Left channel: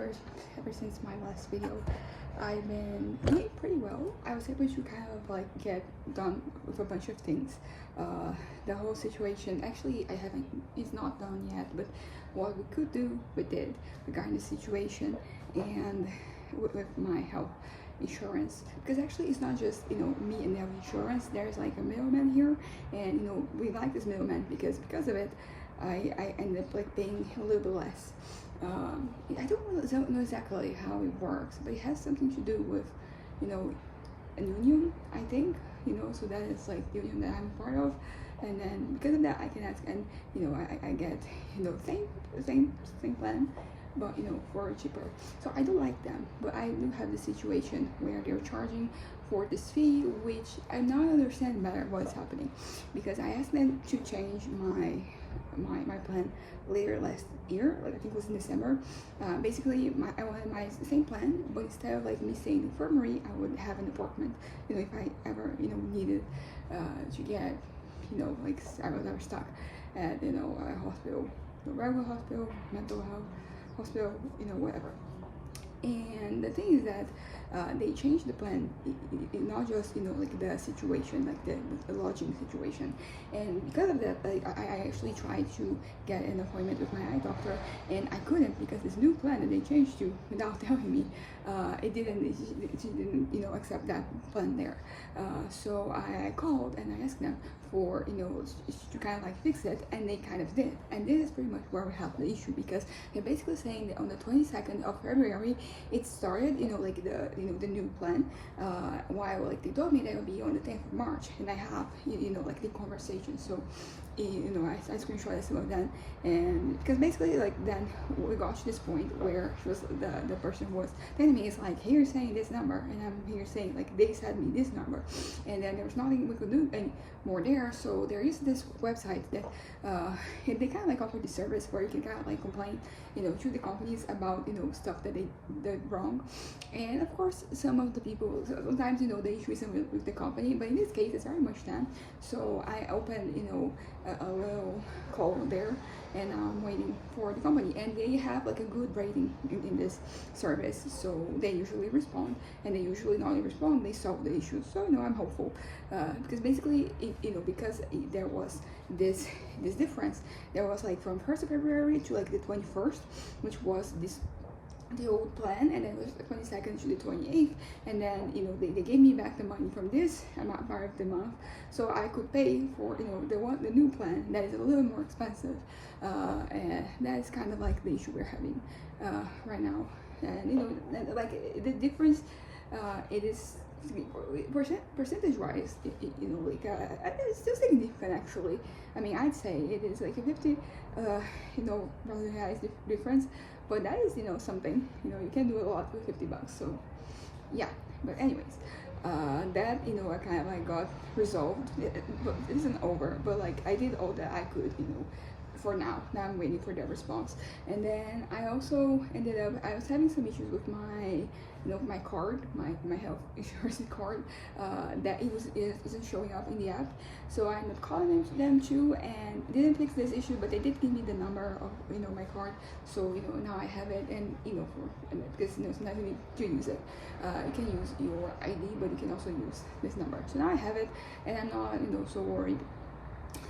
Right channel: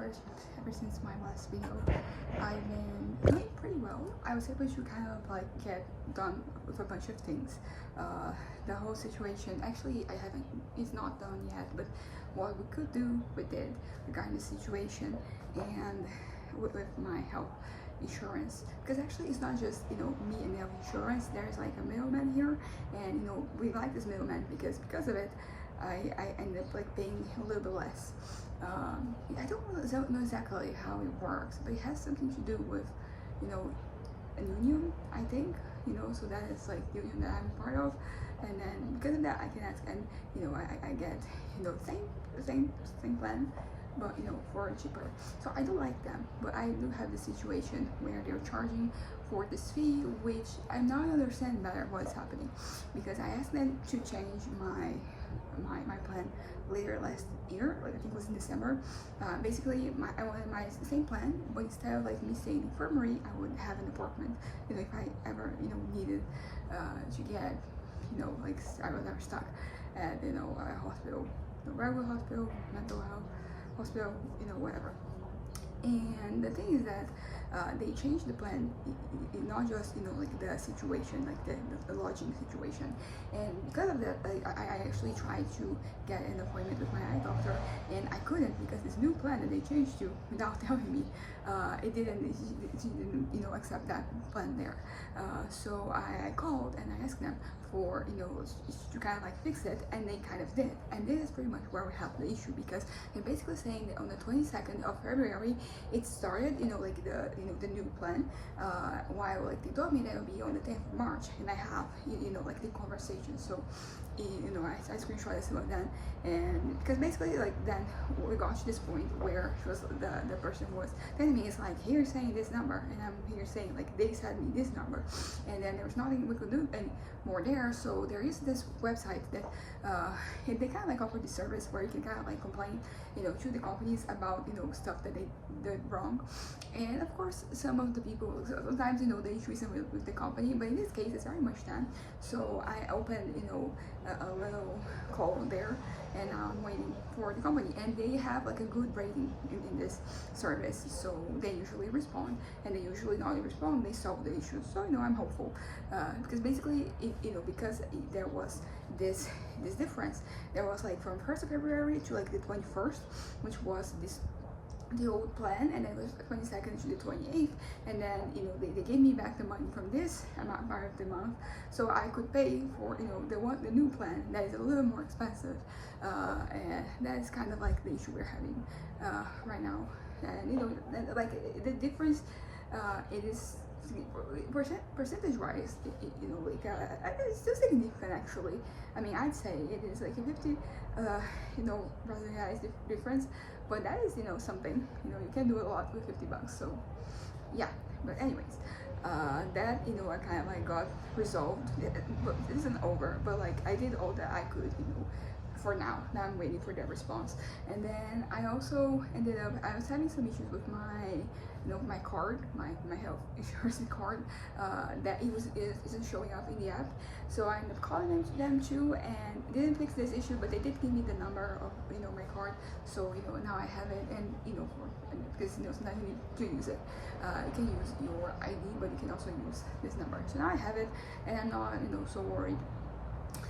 ever since my last video, I've been doing pretty well. I was able to kind of like get done with a bunch of things. The whole situation, actually, it's not done yet, but what we could do, we did regarding the situation and with my health insurance, because actually it's not just me and health insurance. There's like a middleman here, and we like this middleman because of it I ended up like paying a little bit less. I don't know exactly how it works, but it has something to do with a union, I think. So that is like the union that I'm part of, and then because of that I can ask, and I get same plan, but for cheaper. So I do like them, but I do have the situation where they're charging for this fee, which I'm not understanding better what's happening, because I asked them to change my plan later last year, like I think it was in December. Basically I wanted my same plan, but instead of like me staying in the infirmary, I would have an apartment, if I ever needed to get like I was ever stuck at a hospital, the regular hospital, mental health hospital, whatever. And the thing is that they changed the plan, not just like the situation, like the lodging situation. And because of that, I actually tried to get an appointment with my eye doctor, and I couldn't, because this new plan that they changed to without telling me, it didn't accept that plan there. So I called and I asked them for to kind of like fix it, and they kind of did. And this is pretty much where we have the issue, because they're basically saying that on the 22nd of February it started like the new plan, while like they told me that it would be on the 10th of March, and I have like the conversation. So I screenshotted some of that, and because basically like then we got to this point where she was the person who was telling me, is like, here saying this number, and I'm here saying like they said me this number, and then there's nothing we could do anymore there. So there is this website that they kind of like offer the service where you can kind of like complain to the companies about stuff that they did wrong. And of course some of the people sometimes the issue isn't with the company, but in this case it's very much them. So I opened a little call there, and I'm waiting for the company, and they have like a good rating in this service, so they usually respond, and they usually not only respond, they solve the issue. So I'm hopeful, because basically because there was this difference. There was like from 1st of February to like the 21st, which was the old plan, and then it was the 22nd to the 28th, and then they gave me back the money from this part of the month, so I could pay for the new plan that is a little more expensive, and that is kind of like the issue we're having right now. And like the difference, it is percentage wise, like it's still significant actually. I mean, I'd say it is like a 50 Brazilian reais difference, but that is something. You can do a lot with 50 bucks. So yeah, but anyways, that I kind of like got resolved. But it isn't over, but like I did all that I could for now. I'm waiting for their response. And then I also ended up, I was having some issues with my my card, my health insurance card, that isn't showing up in the app. So I ended up calling them too, and it didn't fix this issue, but they did give me the number of my card. So now I have it, and because sometimes you need to use it. You can use your ID, but you can also use this number. So now I have it, and I'm not so worried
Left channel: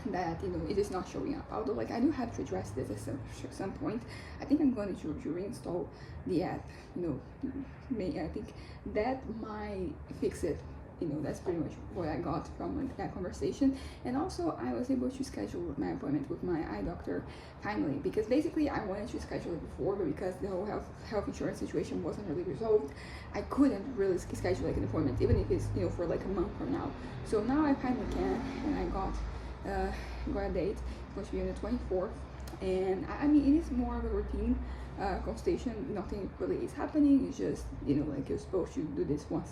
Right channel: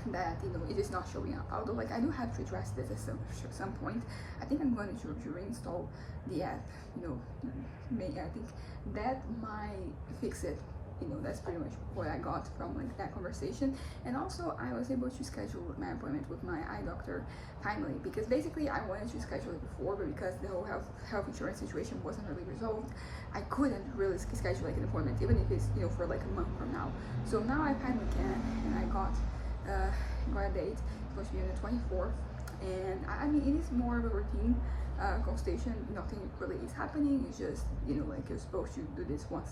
that it is not showing up. Although like I do have to address this at some point. I think I'm going to reinstall the app. I think that might fix it. That's pretty much what I got from like that conversation. And also I was able to schedule my appointment with my eye doctor timely, because basically I wanted to schedule it before, but because the whole health insurance situation wasn't really resolved, I couldn't really schedule like an appointment, even if it's for like a month from now. So now I finally can, and I got a date. It's going to be on the 24th, and I mean it is more of a routine consultation. Nothing really is happening. It's just like you're supposed to do this once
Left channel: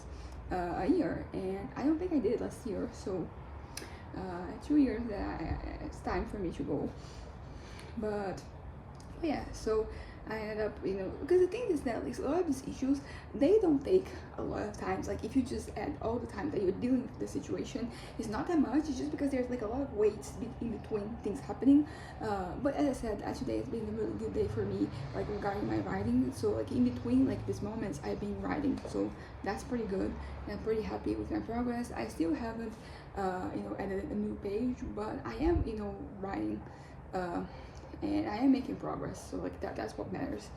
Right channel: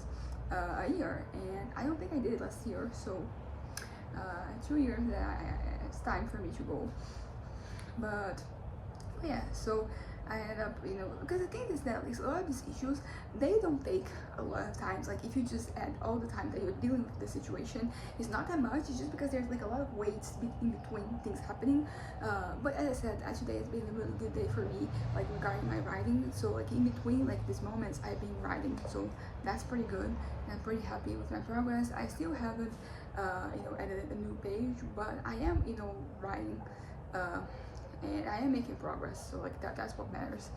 a year, and I don't think I did it last year. So 2 years that it's time for me to go. But yeah, so I ended up, because the thing is that like a lot of these issues, they don't take a lot of times. Like if you just add all the time that you're dealing with the situation, it's not that much. It's just because there's like a lot of weights in between things happening. But as I said, today has been a really good day for me, like regarding my writing. So like in between like these moments, I've been writing, so that's pretty good. And I'm pretty happy with my progress. I still haven't, edited a new page, but I am, writing. And I am making progress, so like that's what matters.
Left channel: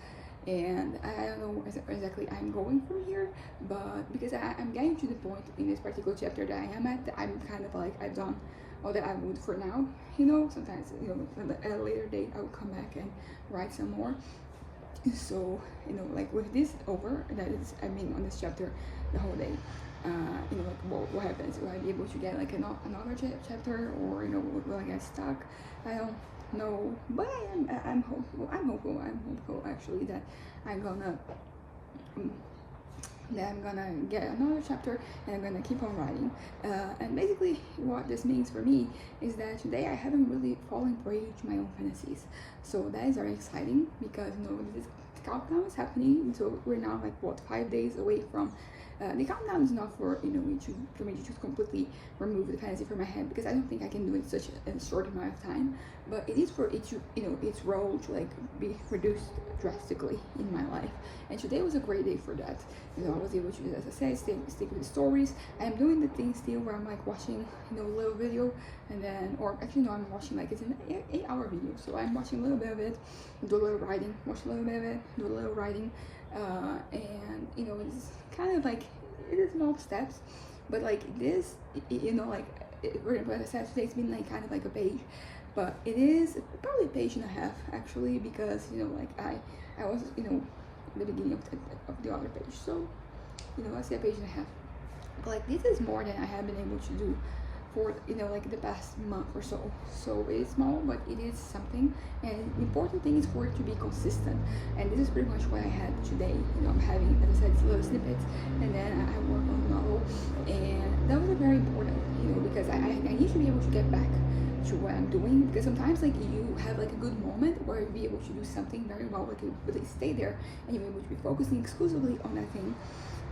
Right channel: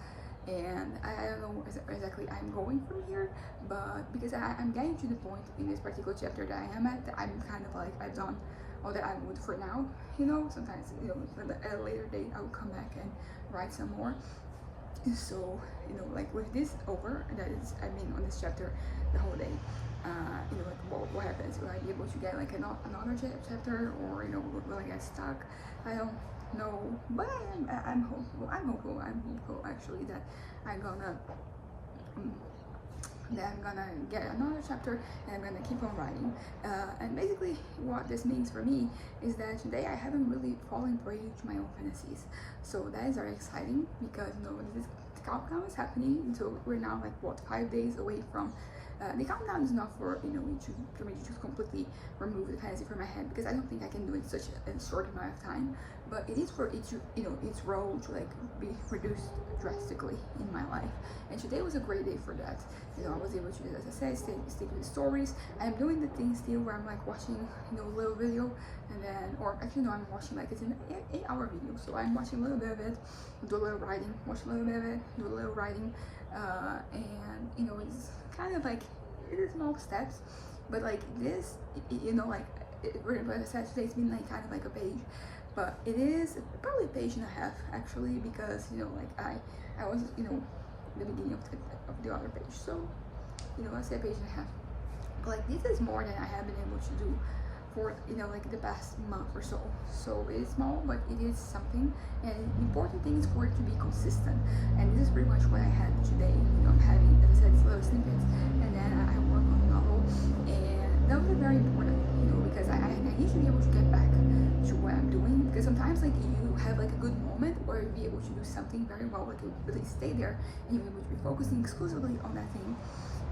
And I don't know exactly I'm going from here, but because I'm getting to the point in this particular chapter that I am at, I'm kind of like I've done all that I would for now. Sometimes at a later date I will come back and write some more. So like with this over, that is, I mean, on this chapter the whole day, like what happens? Will I be able to get like another chapter, or will I get stuck? I don't know, but I'm hopeful. I'm hopeful actually that I'm gonna get another chapter, and I'm gonna keep on writing. And basically what this means for me is that today I haven't really fallen prey to my own fantasies, so that is very exciting, because this countdown is happening. So we're now like 5 days away from the countdown. Is not for me to just completely remove the fantasy from my head, because I don't think I can do it in such a short amount of time, but it is for it to its role to like be reduced drastically in my life. And today was a great day for that. I was able to, as I said, stick with the stories. I'm doing the thing still where I'm like watching a little video, and then, or actually no, I'm watching like it's an 8-hour video, so I'm watching a little bit of it, do a little writing, watch a little bit of it, do a little writing, and it's kind of like, it is small steps, but like this, like what I said, today's been like kind of like a page, but it is probably a page and a half actually, because like I was the beginning of the other page, so I say a page and a half, but like this is more than I have been able to do for like the past month or so. So it is small, but it is something, and the important thing is for it to be consistent. And this is pretty much what I had today. I'm having, as I said, little snippets, and then I work on the novel, and that was very important, because I need to be able to get back to what I'm doing, because sometimes like you have like a good moment where you'll be able to do something very well, like you really stay there and you're able to be focusing exclusively on that thing.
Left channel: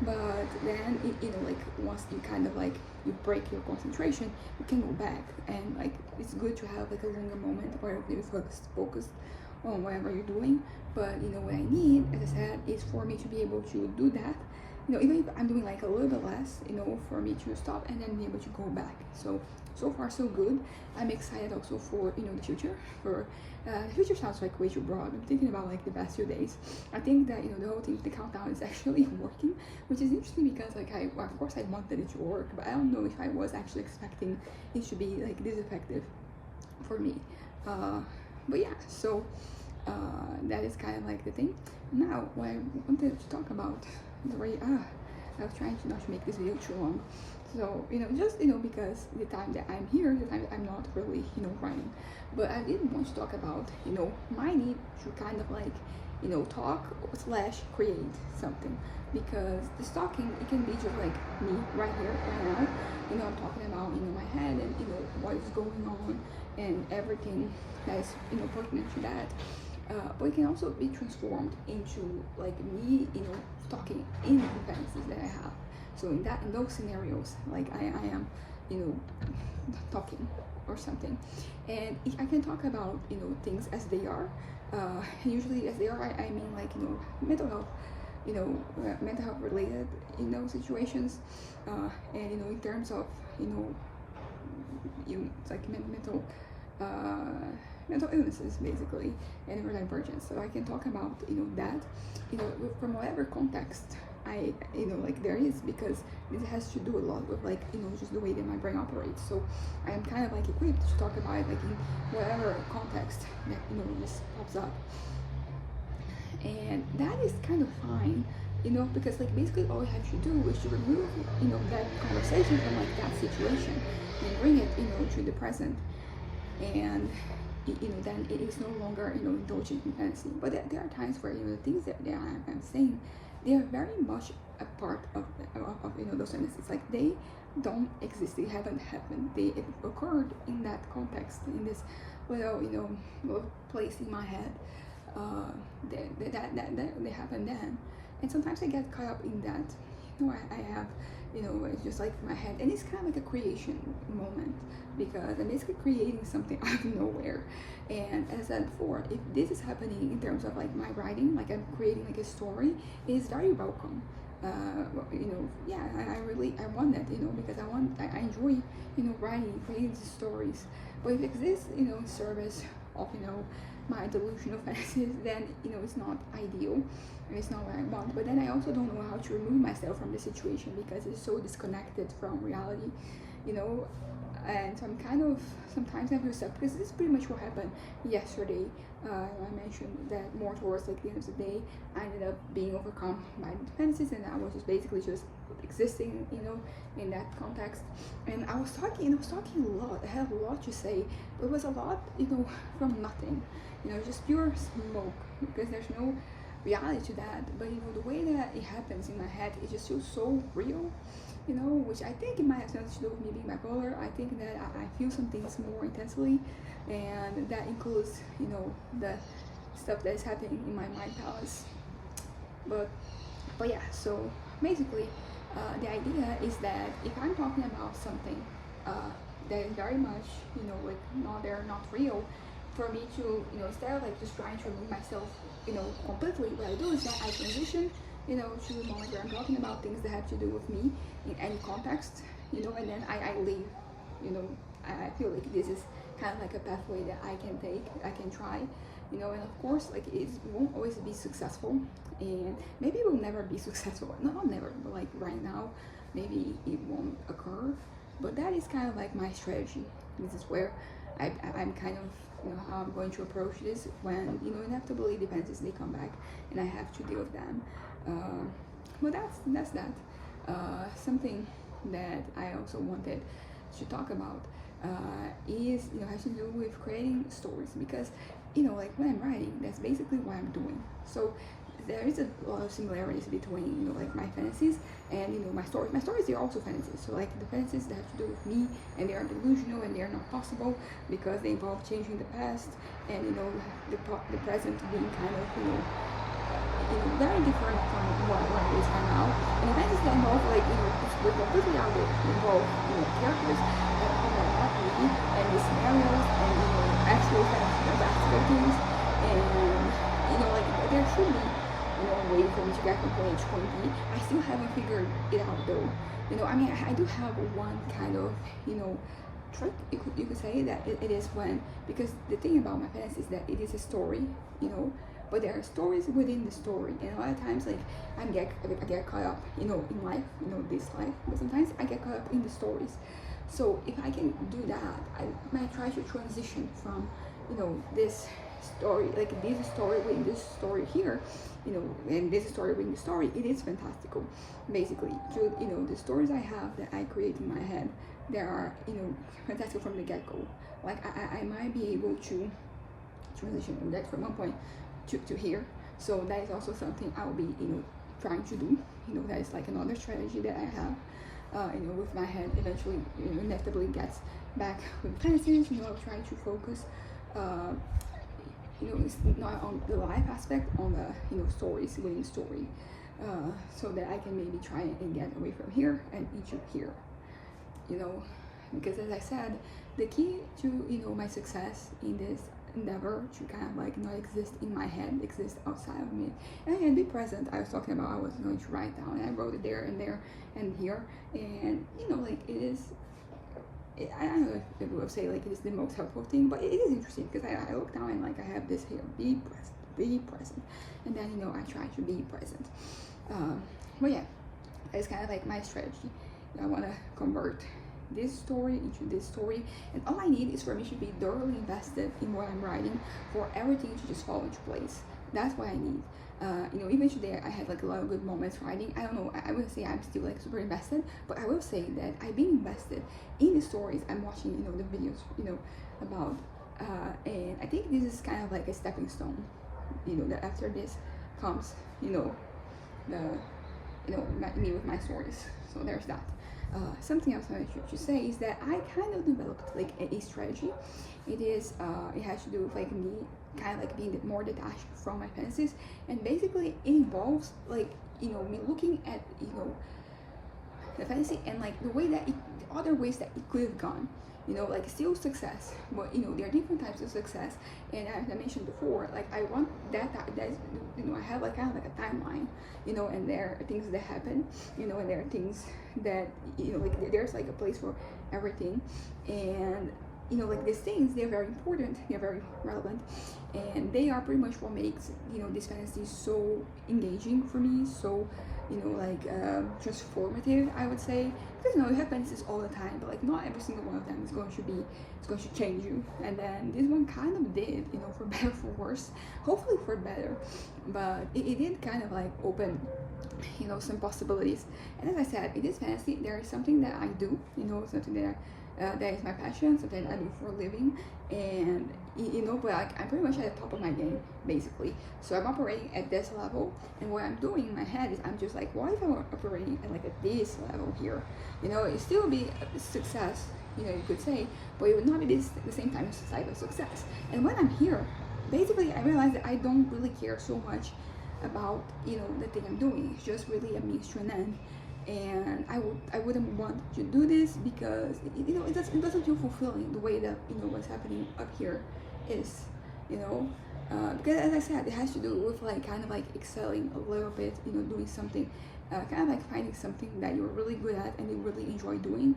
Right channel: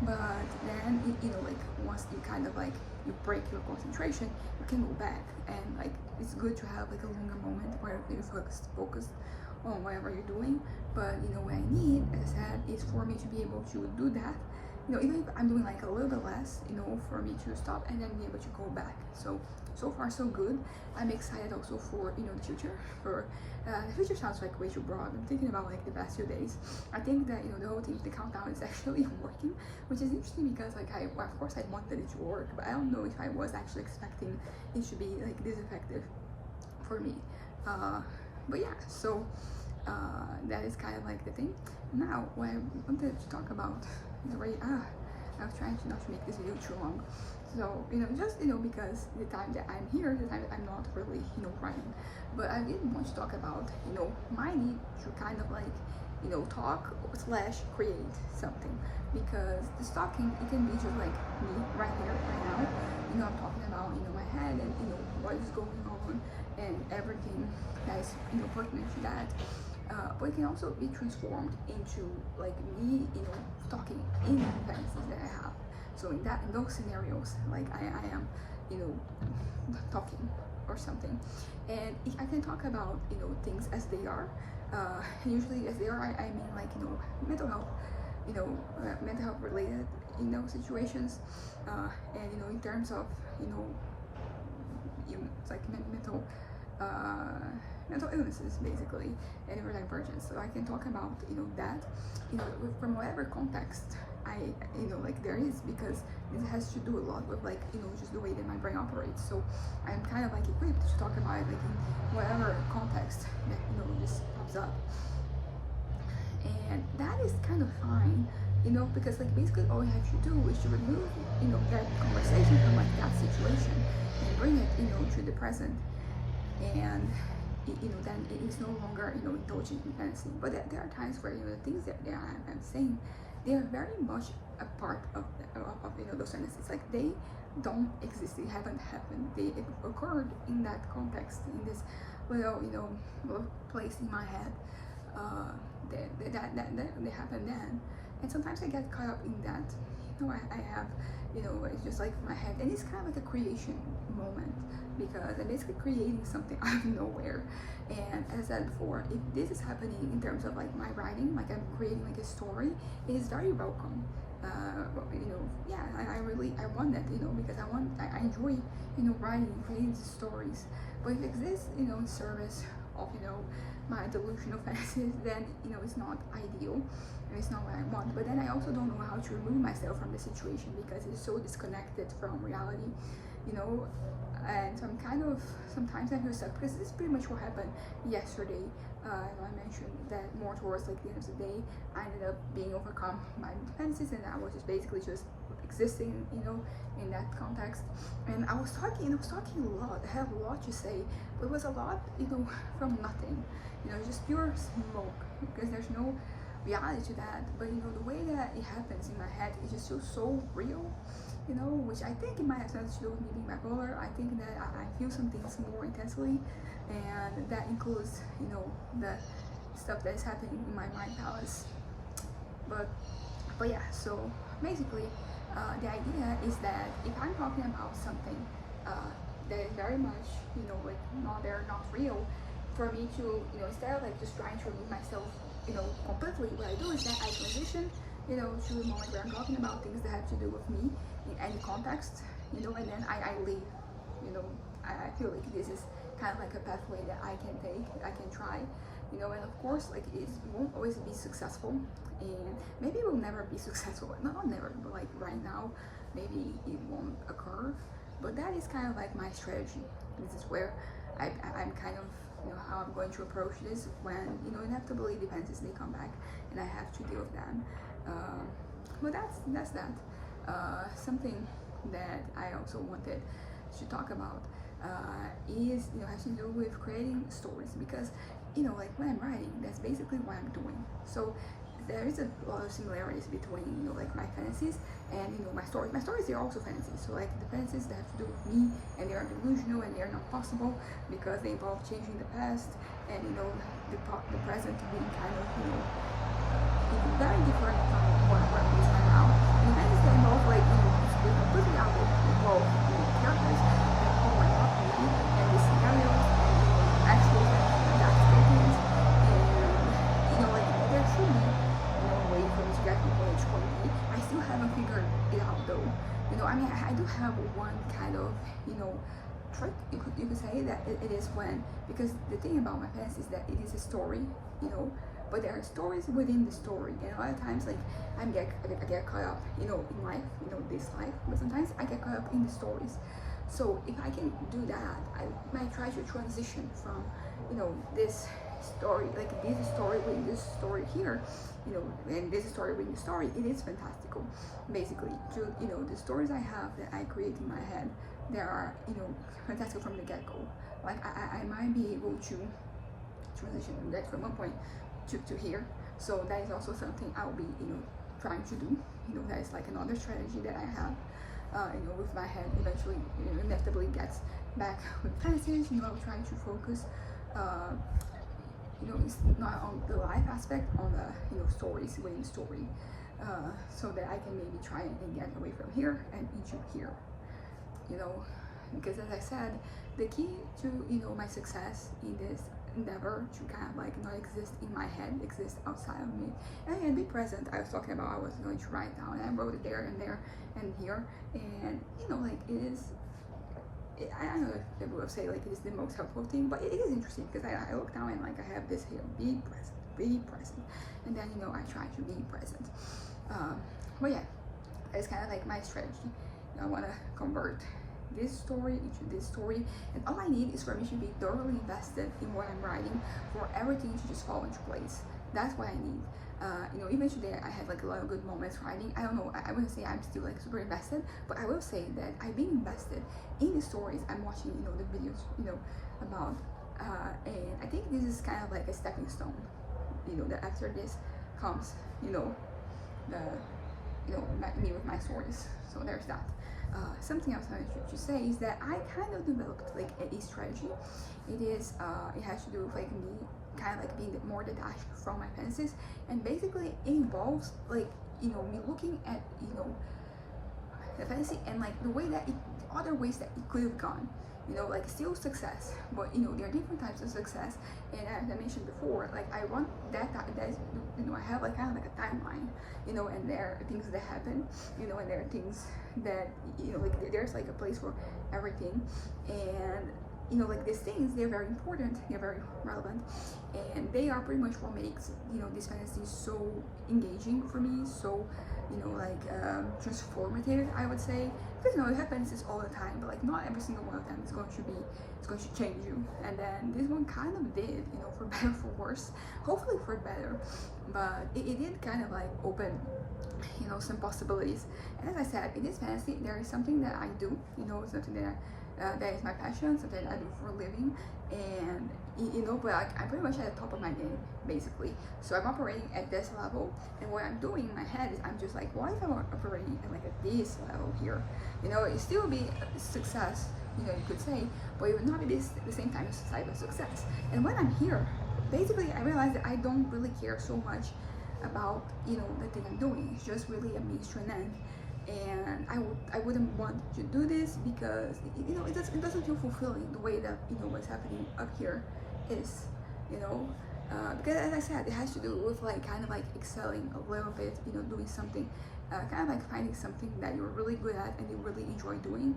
But then like once you kind of like you break your concentration, you can go back, and like it's good to have like a longer moment where you're focused on whatever you're doing. But what I need, as I said, is for me to be able to do that, even if I'm doing like a little bit less, for me to stop and then be able to go back. So far so good. I'm excited also for the future. The future sounds like way too broad. I'm thinking about like the past few days. I think that the whole thing, the countdown, is actually working, which is interesting, because like of course I wanted it to work, but I don't know if I was actually expecting it to be like this effective for me. But yeah, so that is kind of like the thing. Now what I wanted to talk about is already I was trying to not to make this video too long. So, just, because the time that I'm here, the time that I'm not really, writing. But I did want to talk about, my need to kind of like, talk / create something. Because the talking, it can be just like me right here, right now. I'm talking about, my head and, what is going on and everything that's, pertinent to that. But it can also be transformed into like me, talking in the fantasies that I have. So in those scenarios, like I am, talking or something, and I can talk about things as they are. Usually as they are, I mean like mental health, mental health related situations, and in terms of like mental illnesses basically, and neurodivergence. So I can talk about that from whatever context I like there is, because this has to do a lot with like just the way that my brain operates. So I am kind of like equipped to talk about it like in whatever context that just pops up, and that is kind of fine, because like basically all you have to do is to remove that conversation from like that situation and bring it to the present, and then it is no longer indulging in fantasy. But there are times where the things that I'm saying, they are very much a part of those fantasies. Like they don't exist, they haven't happened, they occurred in that context, in this little little place in my head, that they happen then. And sometimes I get caught up in that. I have, it's just like my head, and it's kind of like a creation moment because I'm basically creating something out of nowhere. And as I said before, if this is happening in terms of like my writing, like I'm creating like a story, it is very welcome. Yeah, I want that, because I enjoy, writing, creating these stories. But if it exists, in service of, my delusional fantasies, then, it's not ideal and it's not what I want. But then I also don't know how to remove myself from the situation because it's so disconnected from reality, and so I'm kind of, sometimes I feel stuck because this is pretty much what happened yesterday. I mentioned that more towards like the end of the day, I ended up being overcome by the fantasies, and I was just basically just existing, in that context. And I was talking a lot. I had a lot to say, but it was a lot, from nothing, just pure smoke because there's no reality to that. But the way that it happens in my head, it just feels so real. Which I think it might have something to do with me being bipolar. I think that I feel some things more intensely, and that includes, the stuff that is happening in my mind palace. But yeah, so basically, the idea is that if I'm talking about something that is very much, like not there, not real, for me to, instead of like just trying to remove myself, completely, what I do is that I transition, to a moment where I'm talking about things that have to do with me in any context, and then I leave, I feel like this is kind of like a pathway that I can take, I can try, and of course, like it won't always be successful, and maybe it will never be successful, not never, but like right now, maybe it won't occur, but that is kind of like my strategy. This is where I'm kind of, how I'm going to approach this when, inevitably the fantasies, they come back and I have to deal with them. But that's that. Something that I also wanted to talk about is, has to do with creating stories because, like when I'm writing, that's basically what I'm doing. So there is a lot of similarities between, like my fantasies and, my stories. My stories, they're also fantasies. So like the fantasies that have to do with me, and they are delusional and they are not possible because they involve changing the past and, the present being kind of, very different from what it is right now. And fantasies that involve like, it's completely out there. They involve, characters that are not movie and the scenarios and, actual kind of like actual things. And, like there should be, a way for me to get from point A to point B. I still haven't figured it out though. I do have one kind of, trick, you could say that it is when, because the thing about my fantasy is that it is a story, but there are stories within the story, and a lot of times like I get caught up, in life, this life, but sometimes I get caught up in the stories. So if I can do that, I might try to transition from, this story, like this story within this story here, and this story within the story, it is fantastical. Basically, to, the stories I have that I create in my head, they are, fantastic from the get-go. Like I might be able to transition that from one point to here. So that is also something I'll be, trying to do. That is like another strategy that I have. With my head eventually, inevitably gets back with fantasies. I'll try to focus, it's not on the life aspect, on the, stories within the story, so that I can maybe try and get away from here and into here. Because as I said, the key to, my success in this endeavor to kind of like not exist in my head, exist outside of me, and be present. I was talking about I was going to write down, and I wrote it there and there and here, and like it is. I don't know if people would say like it is the most helpful thing, but it is interesting because I look down and like I have this here: be present, and then I try to be present. But yeah, it's kind of like my strategy. I want to convert this story into this story, and all I need is for me to be thoroughly invested in what I'm writing, for everything to just fall into place. That's what I need. Even today I had like a lot of good moments writing. I don't know, I would say I'm still like super invested, but I will say that I've been invested in the stories I'm watching, the videos, about, and I think this is kind of like a stepping stone, that after this comes, me with my stories. So there's that. Something else I should say is that I kind of developed like a strategy. It has to do with like me kind of like being more detached from my fantasies. And basically it involves like, you know, me looking at, you know, the fantasy and like the way that the other ways that it could have gone, you know, like still success, but you know, there are different types of success. And as I mentioned before, like I want that you know, I have like kind of like a timeline, you know, and there are things that happen, you know, and there are things that, you know, like there's like a place for everything. And you know, like these things, they're very important, they're very relevant, and they are pretty much what makes, you know, this fantasy so engaging for me, so, you know, like transformative, I would say. Because you know, it happens all the time, but like not every single one of them is going to change you. And then this one kind of did, you know, for better, for worse, hopefully for better, but it did kind of like open, you know, some possibilities. And as I said, in this fantasy there is something that I do, you know, something that that is my passion, something I do for a living. And you know, but like I'm pretty much at the top of my game basically, so I'm operating at this level. And what I'm doing in my head is I'm just like, why if I'm operating at like at this level here, you know, it still be a success, you know, you could say, but it would not be the same time as type of success. And when I'm here, basically I realize that I don't really care so much about, you know, the thing I'm doing. It's just really a means to an end. And I wouldn't want to do this because, you know, it doesn't feel fulfilling the way that, you know, what's happening up here is, you know, because as I said, it has to do with like kind of like excelling a little bit, you know, doing something, kind of like finding something that you're really good at and you really enjoy doing,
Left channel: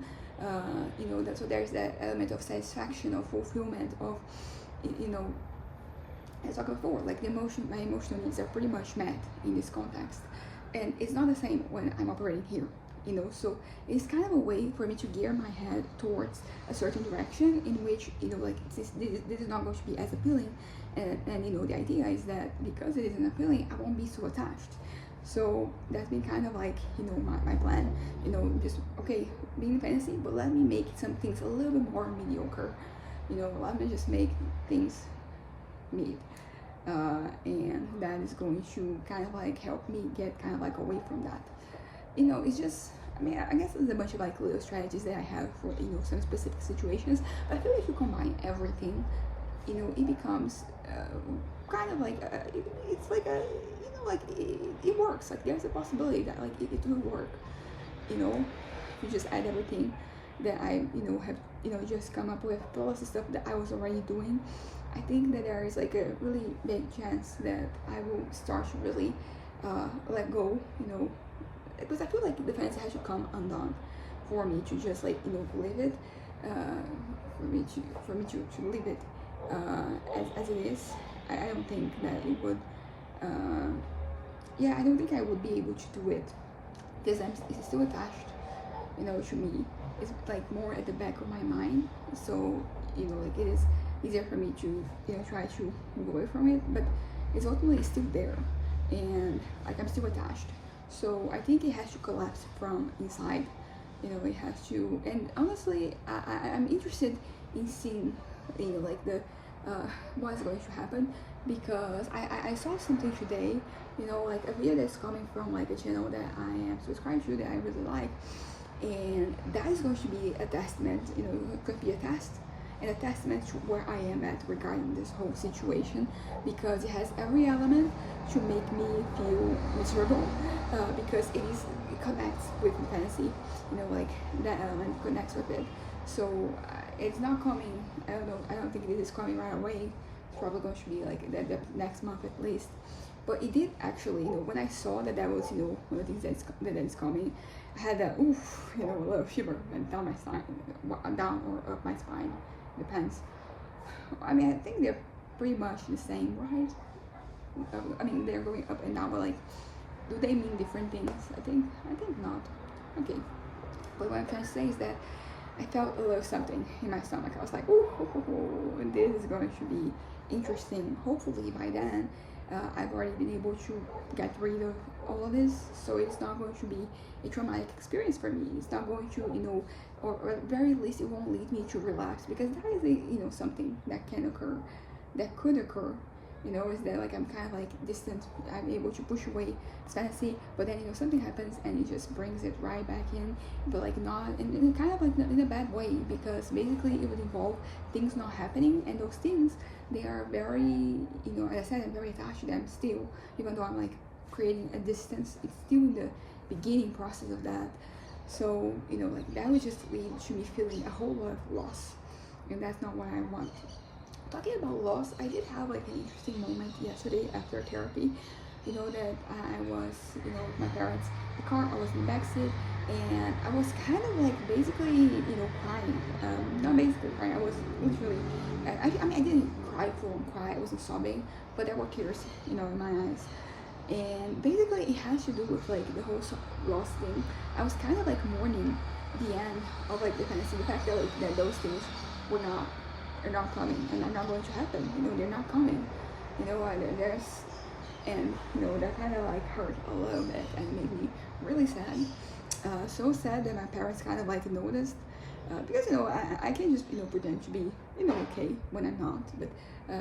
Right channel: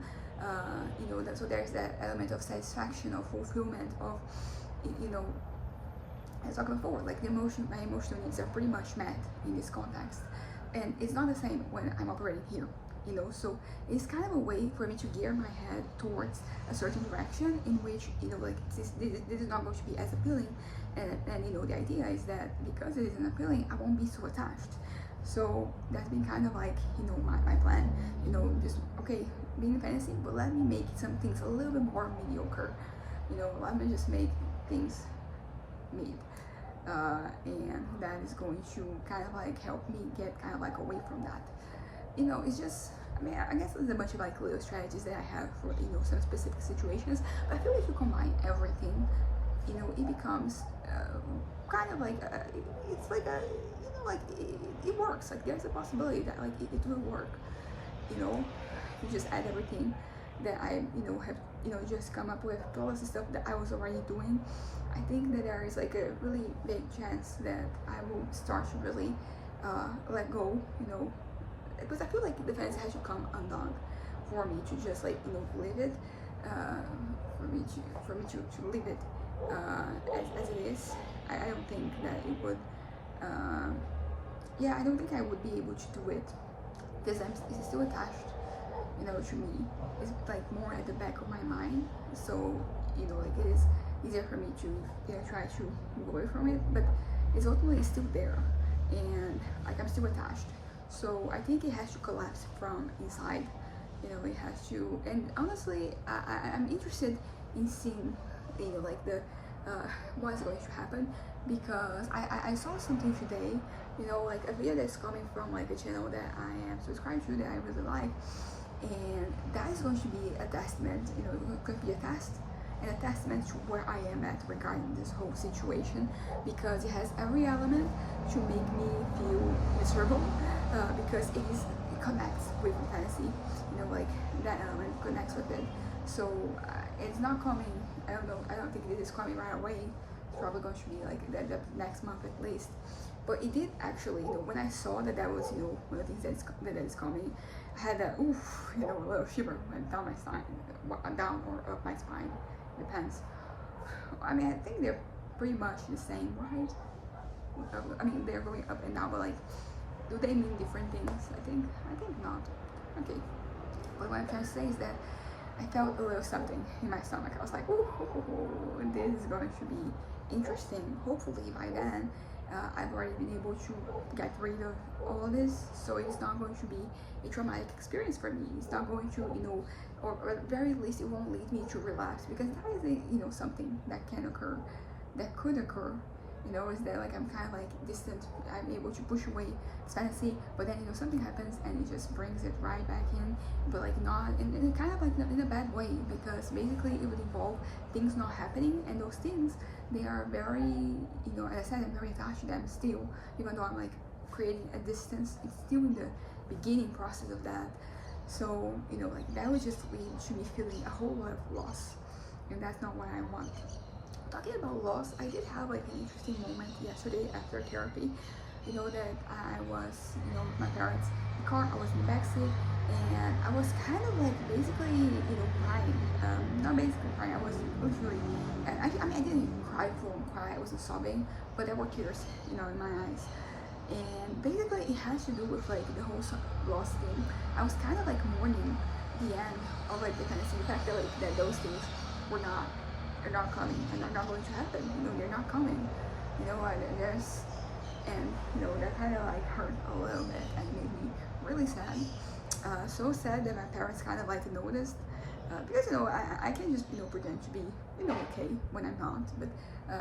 you know, that, so there's that element of satisfaction, of fulfillment, of, you know, as I talked before, like my emotional needs are pretty much met in this context. And it's not the same when I'm operating here, you know, so it's kind of a way for me to gear my head towards a certain direction in which, you know, like this is not going to be as appealing. And you know, the idea is that because it isn't appealing, I won't be so attached. So that's been kind of like, you know, my plan, you know, just, okay, being a fantasy, but let me make some things a little bit more mediocre, you know, let me just make things mid. And that is going to kind of like help me get kind of like away from that, you know. It's just, I mean, I guess there's a bunch of like little strategies that I have for, you know, some specific situations, but I feel like if you combine everything, you know, it becomes kind of like it's like a, you know, like it works. Like there's a possibility that like it will work, you know. You just add everything that I, you know, have, you know, just come up with, plus the stuff that I was already doing. I think that there is like a really big chance that I will start to really let go, you know, because I feel like the fantasy has to come undone for me to just like, you know, live it, for me to live it as it is. I don't think that it would, yeah, I don't think I would be able to do it because it's still attached, you know, to me. It's like more at the back of my mind, so, you know, like it is easier for me to, you know, try to move away from it, but it's ultimately still there, and like I'm still attached. So I think it has to collapse from inside, you know. It has to. And honestly, I'm interested in seeing, you know, like the what's going to happen, because I saw something today, you know, like a video that's coming from like a channel that I am subscribed to that I really like, and that is going to be a testament, you know, it could be a test and a testament to where I am at regarding this whole situation, because it has every element to make me feel miserable, because it connects with fantasy, you know, like that element connects with it. So it's not coming, I don't think this is coming right away. It's probably going to be like the next month at least. But it did actually, you know, when I saw that was, you know, one of the things that is coming, I had that, oof, you know, a little shiver went down my spine, down or up my spine, depends. I mean, I think they're pretty much the same, right? I mean, they're going up and down, but like, do they mean different things? I think not. Okay, but what I'm trying to say is that I felt a little something in my stomach. I was like, ooh, and this is going to be interesting. Hopefully by then, I've already been able to get rid of all of this, so it's not going to be a traumatic experience for me. It's not going to, you know, or at the very least, it won't lead me to relapse, because that is a, you know, something that can occur, that could occur, You know, is that like I'm kind of like distant. I'm able to push away fantasy, but then something happens and it just brings it right back in, but like not in kind of like in a bad way, because basically it would involve things not happening, and those things, they are very, as I said, I'm very attached to them still, even though I'm like creating a distance. It's still in the beginning process of that. So like that would just lead to me feeling a whole lot of loss, and that's not what I want. Talking about loss, I did have like an interesting moment yesterday after therapy. That I was, with my parents, the car, I was in the backseat, and I was kind of like basically, crying. Not basically crying, I was literally, I mean, I didn't cry, full cry, I wasn't sobbing, but there were tears, in my eyes. And basically it has to do with like the whole loss thing. I was kind of like mourning the end of like the fantasy, the fact that like that those things are not coming and are not going to happen. They're not coming. There's and that kind of like hurt a little bit and made me really sad. So sad that my parents kind of like noticed, because I can just pretend to be okay when I'm not, but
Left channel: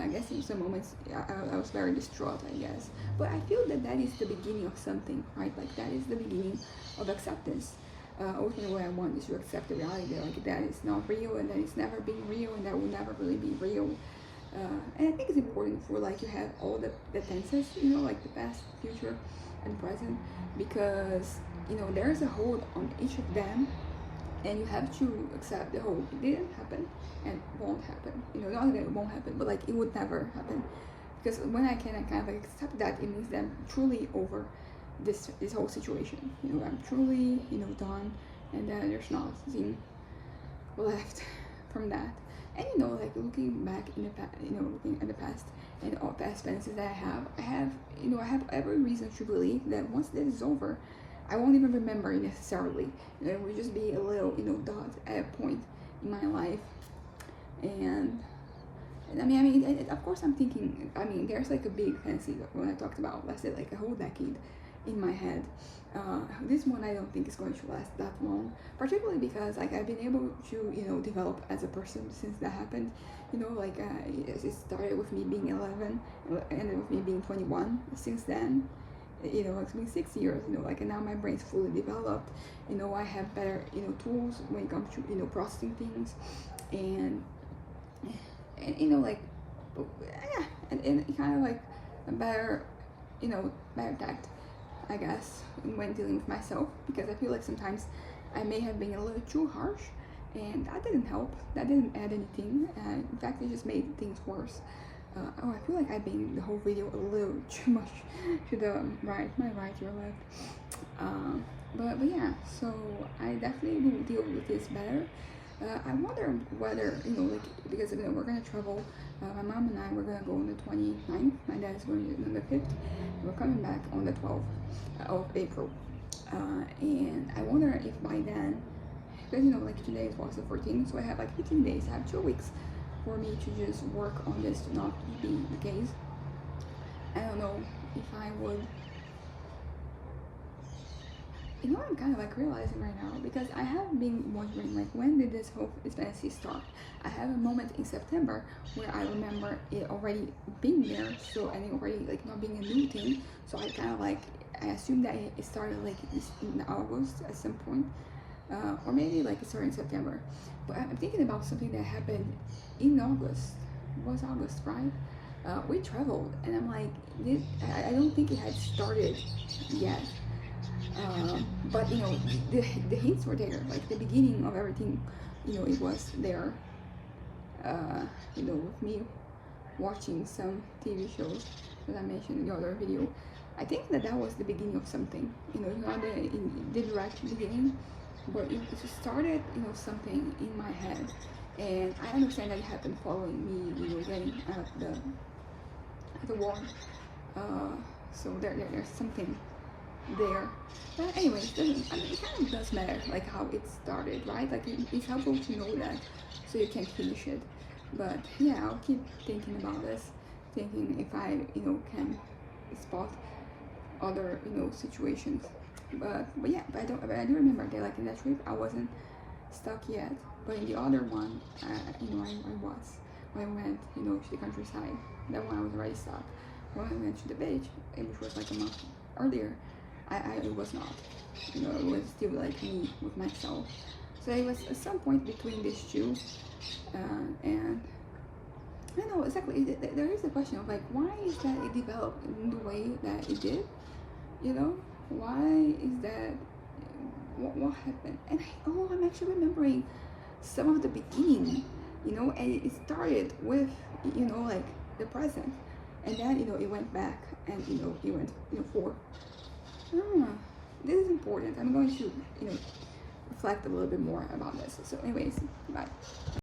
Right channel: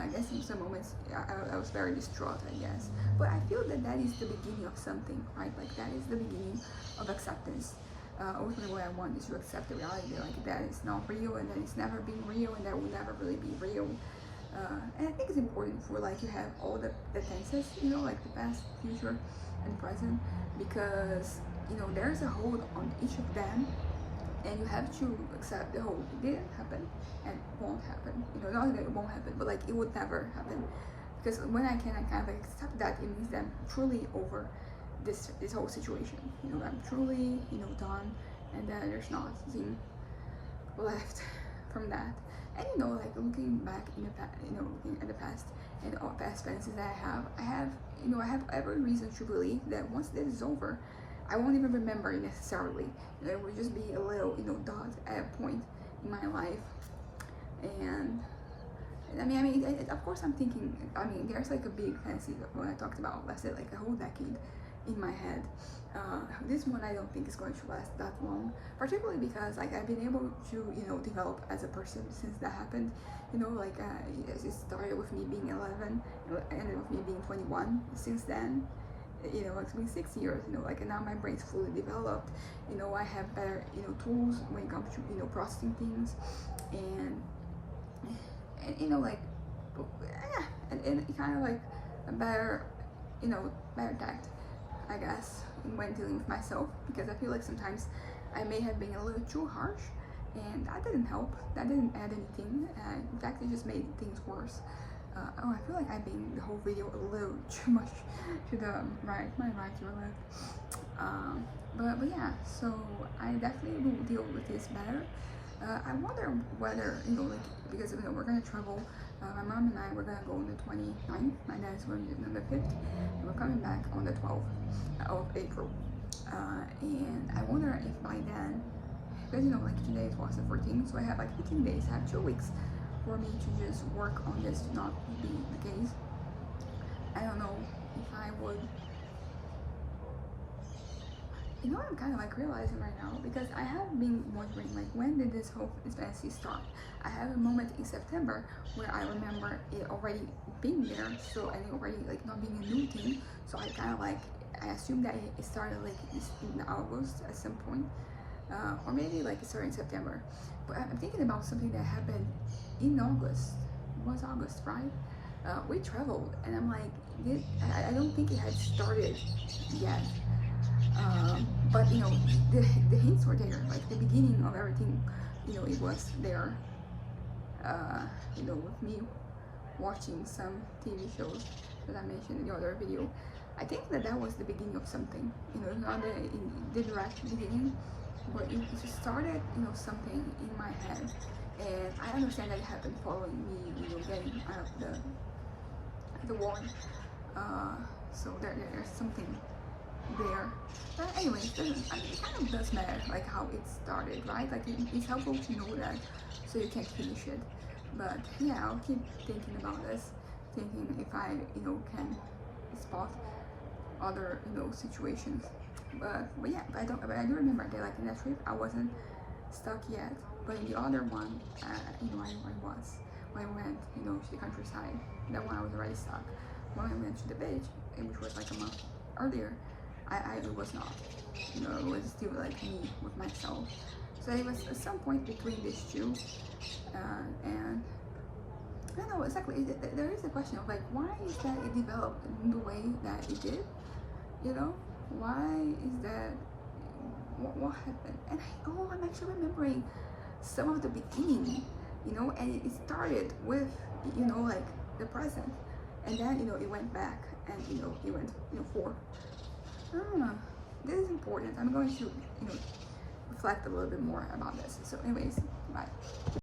I guess in some moments I was very distraught, I guess. But I feel that is the beginning of something, right? Like that is the beginning of acceptance. Ultimately what I want is to accept the reality that like that is not real, and that it's never been real, and that will never really be real. And I think it's important for like to have all the tenses, like the past, future, and present, because there's a hold on each of them, and you have to accept the whole. It didn't happen and won't happen. Not that it won't happen, but like it would never happen. Because when I can kind of like accept that, it means that I'm truly over this whole situation. I'm truly done, and then there's nothing left from that. And like looking back in the past, looking at the past and all past experiences that I have every reason to believe that once this is over, I won't even remember it necessarily. It will just be a little dot at a point in my life. And I mean, of course I'm thinking, there's like a big fantasy when I talked about, let's say, like a whole decade in my head. This one I don't think is going to last that long, particularly because like I've been able to develop as a person since that happened. It started with me being 11 and ended with me being 21. Since then, it's been 6 years, and now my brain's fully developed. I have better tools when it comes to processing things, and like, yeah, and kind of like a better better tact, I guess, when dealing with myself, because I feel like sometimes I may have been a little too harsh, and that didn't help. That didn't add anything, and in fact it just made things worse. I feel like I've been the whole video a little too much to the right, my right, your left. But yeah, so I definitely will deal with this better. I wonder whether, like, because we're gonna travel, my mom and I, we're gonna go on the 29th, my dad's going on the 5th, and we're coming back on the 12th of April. And I wonder if by then, because like today was the 14th, so I have like 15 days, I have 2 weeks for me to just work on this not being the case. I don't know if I would, I'm kind of like realizing right now, because I have been wondering like, when did this whole fantasy start? I have a moment in September where I remember it already being there, so, and it already like not being a new thing, so I kind of like, I assumed that it started like in August at some point, or maybe like it started in September. But I'm thinking about something that happened in August. It was August, right? We traveled, and I'm like, I don't think it had started yet. But the hints were there, like the beginning of everything, it was there. With me watching some TV shows that I mentioned in the other video, I think that was the beginning of something. Not the direct beginning, but it started, something in my head. And I understand that it happened following me, getting out of the war. So there's something there. But anyway, it kind of does matter, like how it started, right? Like it's helpful to know that, so you can finish it. But yeah, I'll keep thinking about this, thinking if I, can spot other, situations. But yeah, but I do remember that like in that trip I wasn't stuck yet, but in the other one, I was when I went, to the countryside. That one I was already stuck. When I went to the beach, which was like a month earlier, I was not. You know, it was still like me with myself. So it was at some point between these two, and I don't know exactly. There is a question of like, why is that it developed in the way that it did? You know, why is that? What happened? And I'm actually remembering some of the beginning. You know, and it started with, you know, like the present, and then, you know, it went back, and, you know, it went, you know, forward. This is important. I'm going to, you know, reflect a little bit more about this. So anyways, bye.